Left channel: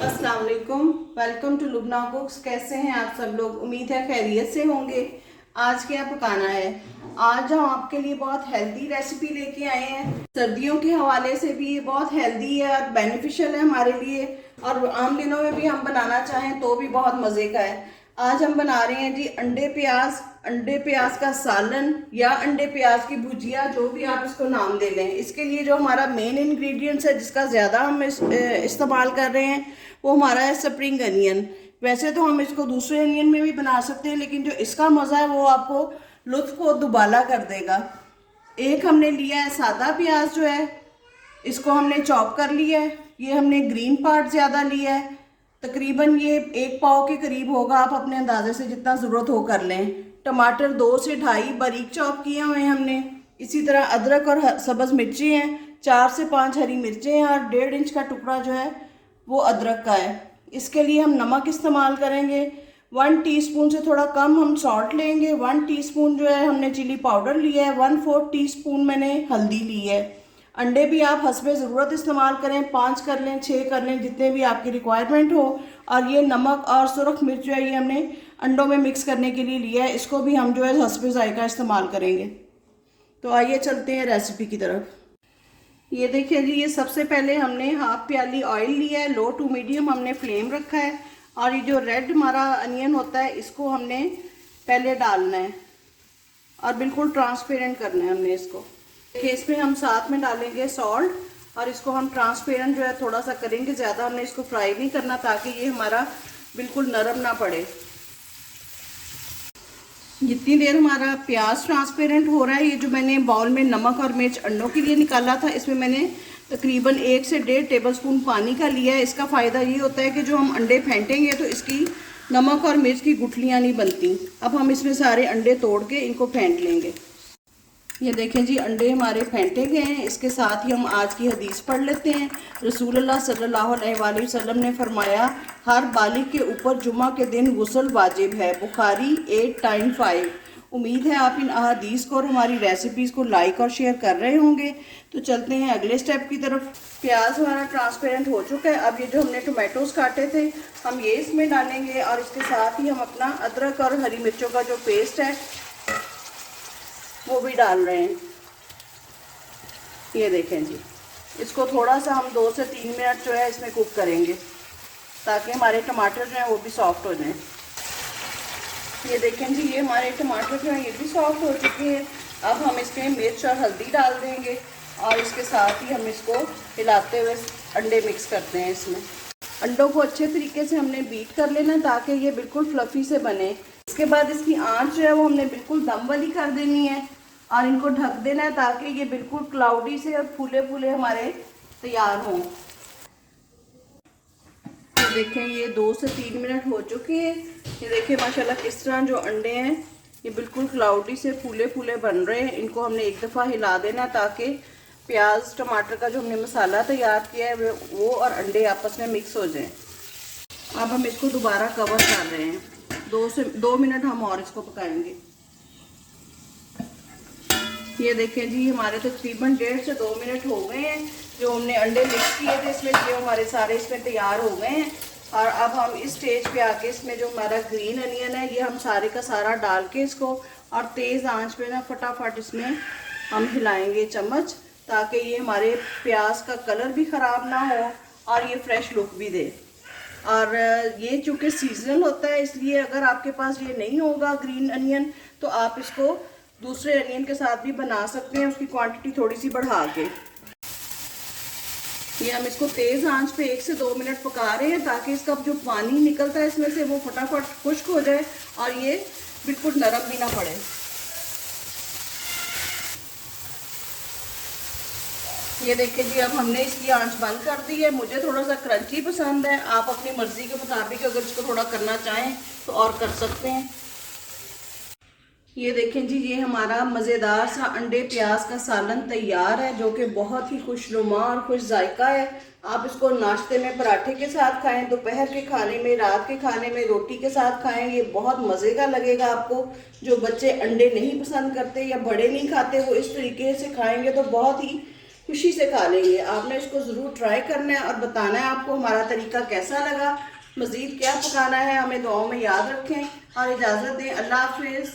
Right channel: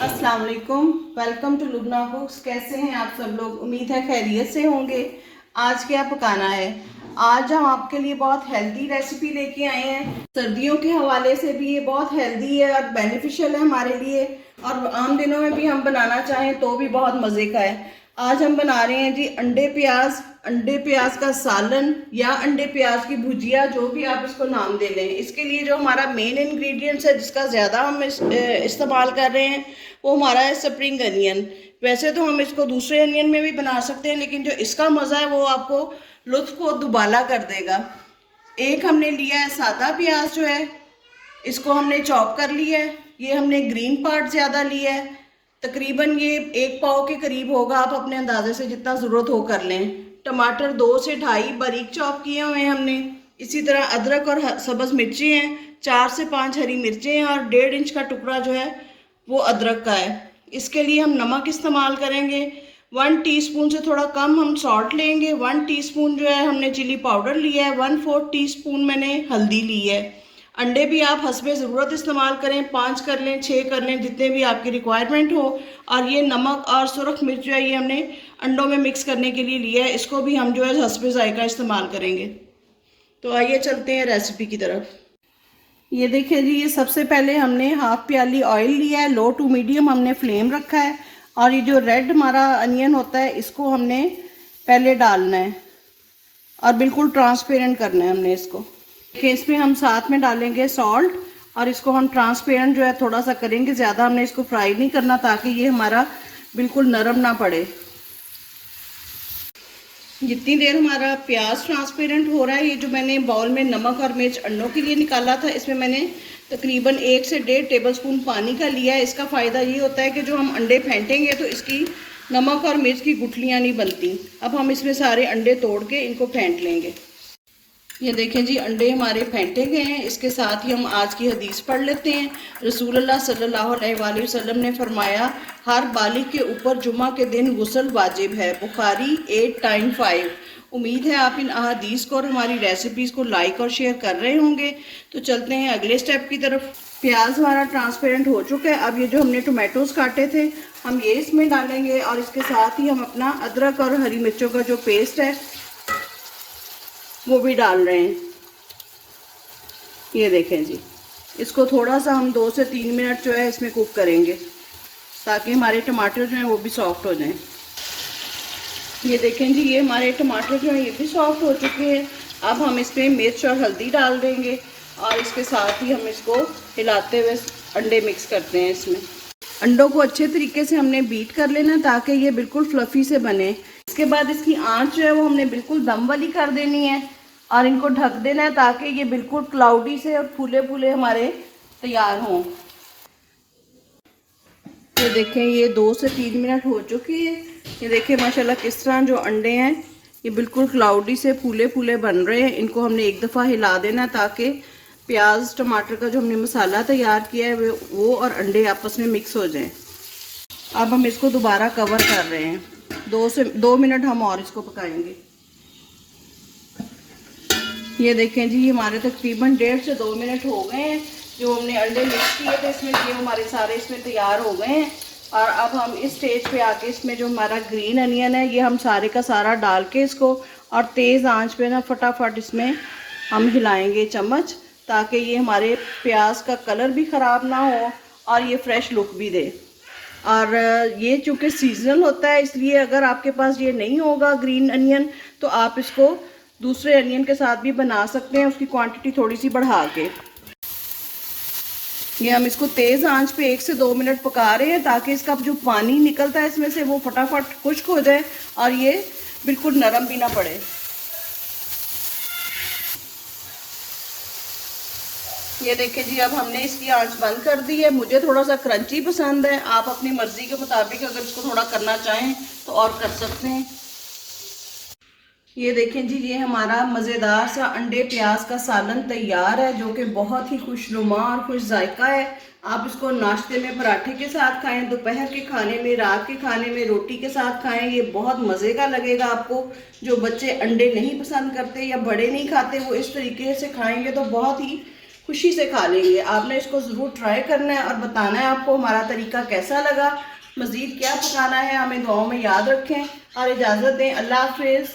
अस्सलाम वालेकुम। Welcome to Lubna cooks. कैसे हैं आप सब लोग? उम्मीद है खैरियत से होंगे। आज क्या पकाना है? आज हम आपके लिए बहुत हेल्दी रेसिपी लेके आए हैं। सर्दियों के हवाले से भी ये बहुत हेल्दी है और बेनिफिशियल है हमारे लिए, और आम दिनों में भी हम बनाना चाहें तो भी बहुत मज़े का है। आज हम बना रहे हैं जी अंडे प्याज का सालन या अंडे प्याज की भुजिया, जो भी आप इसको नाम दे लें। इसके लिए जो हमारा मेन इंग्रेडिएंट्स है, जिसका ज़्यादा हम इस्तेमाल कर रहे हैं, वो हमारा है स्प्रिंग अनियन। वैसे तो हम इसको दूसरे अनियन में भी बना सकते हैं, लेकिन जो इसका मज़ा है वो आपको लुत्फ को दुबाला कर देगा। एक हमने लिया है सादा प्याज, जो है इसको हमने चॉप कर लिया है। ये हमने ग्रीन पार्ट ज़्यादा लिया है, तकरीबन ये 1 पाव के करीब होगा। आप अपने अंदाजे से जितना ज़रूरत हो कर लें। टमाटर 2 से 2.5 बारीक चॉप किए हुए हैं हमने। इसी तरह अदरक और सब्ज़ मिर्ची हैं, 4 से 5 हरी मिर्चें हैं, और 1.5 इंच का टुकड़ा जो है वो अदरक का है। इसके लिए हम नमक इस्तेमाल करेंगे। 1 टीस्पून से थोड़ा कम हम सॉल्ट लेंगे। 1 टीस्पून जो है हमने चिली पाउडर लिया है। 1/4 टीस्पून मैंने हल्दी ली है। अंडे भी आप हस्बे ज़रूरत इस्तेमाल करें, 5 कर लें, 6 कर लें, जितने भी आपकी रिक्वायरमेंट हो। और ये नमक और सुरख मिर्च जो है ये हमने अंडों में मिक्स करने के लिए लिया है। इसको भी हम जो है हस्बे ज़ायका इस्तेमाल करेंगे। तो आइए चलते हैं रेसिपी की तरफ। ये देखिए जी, ये सबसे पहले हमने 1/2 प्याली ऑयल लिया है। लो टू मीडियम हमने फ्लेम रखा है, और ये जो रेड हमारा अनियन होता है इसको हमने पहले डालना है और बिल्कुल ट्रांसपेरेंट करना है हमने इसको। देखिए, इसमें हम साथ में डालेंगे सॉल्ट, और इसको हम ट्रांसपेरेंट जो है थोड़ा सा करेंगे। ज़्यादा हमने इसको फ्राई नहीं करना, ताकि ये हमारा बिल्कुल नरम ना पड़े। जितनी देर हमारा प्याज ट्रांसपेरेंट हो रहा है, ये जो मैंने बाउल में नमक और मिर्च अंडों के लिए निकाला था, इसमें मैंने तकरीबन 1 से 1.5 टेबलस्पून पानी का लिया है। इसका फ़ायदा ये होता है कि जो हम अंडे फेंटेंगे तो इसकी नमक और मिर्च की गुठलियाँ नहीं बनती। अब हम इसमें सारे अंडे तोड़ के इनको फेंट लेंगे। ये देखें जी, अंडे हमारे फेंटे गए हैं। इसके साथ ही हम आज की हदीस पढ़ लेते हैं। रसूलुल्लाह सल्लल्लाहु अलैहि वसल्लम ने फरमाया, हर बालिग के ऊपर जुमा के दिन गुस्ल वाजिब है। बुखारी 895। उम्मीद है आप इन अहादीस को और हमारी रेसिपीज़ को लाइक और शेयर कर रहे होंगे। तो चलते हैं अगले स्टेप की तरफ। प्याज हमारा ट्रांसपेरेंट हो चुका है। अब ये जो हमने टोमेटोज़ काटे थे, हम ये इसमें डालेंगे, और इसके साथ ही हम अपना अदरक और हरी मिर्चों का जो पेस्ट है वो भी डाल रहे हैं। ये देखें जी, इसको थोड़ा सा हम 2 से 3 मिनट जो है इसमें कुक करेंगे, ताकि हमारे टमाटर जो हैं वो भी सॉफ्ट हो जाएं। ये देखें जी, ये हमारे टमाटर जो हैं ये भी सॉफ्ट हो चुके हैं। अब हम इसमें मिर्च और हल्दी डाल देंगे, और इसके साथ ही हम इसको हिलाते हुए अंडे मिक्स करते हैं। इसमें अंडों को अच्छे तरीके से हमने बीट कर लेना, ताकि ये बिल्कुल फ्लफ़ी से बने। इसके बाद इसकी आंच जो है वो हमने बिल्कुल दम वाली कर देनी है, और इनको ढक देना है, ताकि ये बिल्कुल क्लाउडी से और फूले फूले हमारे तैयार हों। ये देखें, ये 2 से 3 मिनट हो चुके हैं। ये देखें माशाल्लाह किस तरह जो अंडे हैं ये बिल्कुल क्लाउडी से फूले फूले बन रहे हैं। इनको हमने एक दफ़ा हिला देना, ताकि प्याज टमाटर का जो हमने मसाला तैयार किया है वो और अंडे आपस में मिक्स हो जाएं। अब हम इसको दोबारा कवर कर रहे हैं। 2 मिनट हम और इसको पकाएंगे। ये देखें जी, हमारे तकरीबन 1.5 से 2 मिनट हो गए हैं। जो हमने अंडे मिक्स किए थे इसमें, ये हमारे सारे इसमें तैयार हो गए हैं। और अब हम इस स्टेज पे आके इसमें जो हमारा ग्रीन अनियन है ये हम सारे का सारा डाल के इसको, और तेज़ आंच पे ना फटाफट इसमें हम हिलाएंगे चम्मच, ताकि ये हमारे प्याज का कलर भी ख़राब ना हो और ये फ्रेश लुक भी दे। और ये चूँकि सीजनल होता है, इसलिए अगर आपके पास ये नहीं होगा ग्रीन अनियन, तो आप इसको दूसरे अनियन के साथ भी बना सकते हैं, उसकी क्वांटिटी थोड़ी सी बढ़ा के। ये हम इसको तेज़ आंच पे 1 से 2 मिनट पका रहे हैं, ताकि इसका जो पानी निकलता है इसमें से वो फटाफट खुश्क हो जाए और ये बिल्कुल नरम भी ना पड़े। ये देखिए जी, अब हमने इसकी आंच बंद कर दी है। मुझे थोड़ा सा क्रंची पसंद है, आप अपनी मर्ज़ी के मुताबिक अगर इसको थोड़ा करना चाहें तो और कर सकते हैं। ये देखें जी, ये हमारा मज़ेदार सा अंडे प्याज का सालन तैयार है, जो कि बहुत ही खुशनुमा और खुश जायका है। आप इसको नाश्ते में पराठे के साथ खाएं, दोपहर के खाने में, रात के खाने में रोटी के साथ खाएं। ये बहुत मज़े का लगेगा आपको। जो बच्चे अंडे नहीं पसंद करते या बड़े नहीं खाते, वो इस तरीके से खाएंगे तो बहुत ही खुशी से खा लेंगे। आपने इसको ज़रूर ट्राई करना है और बताना है आपको हमारा तरीका कैसा लगा, मज़ीद क्या पकाना है हमें दुआओं में याद रखें और इजाज़त दें। अल्लाह हाफिज़।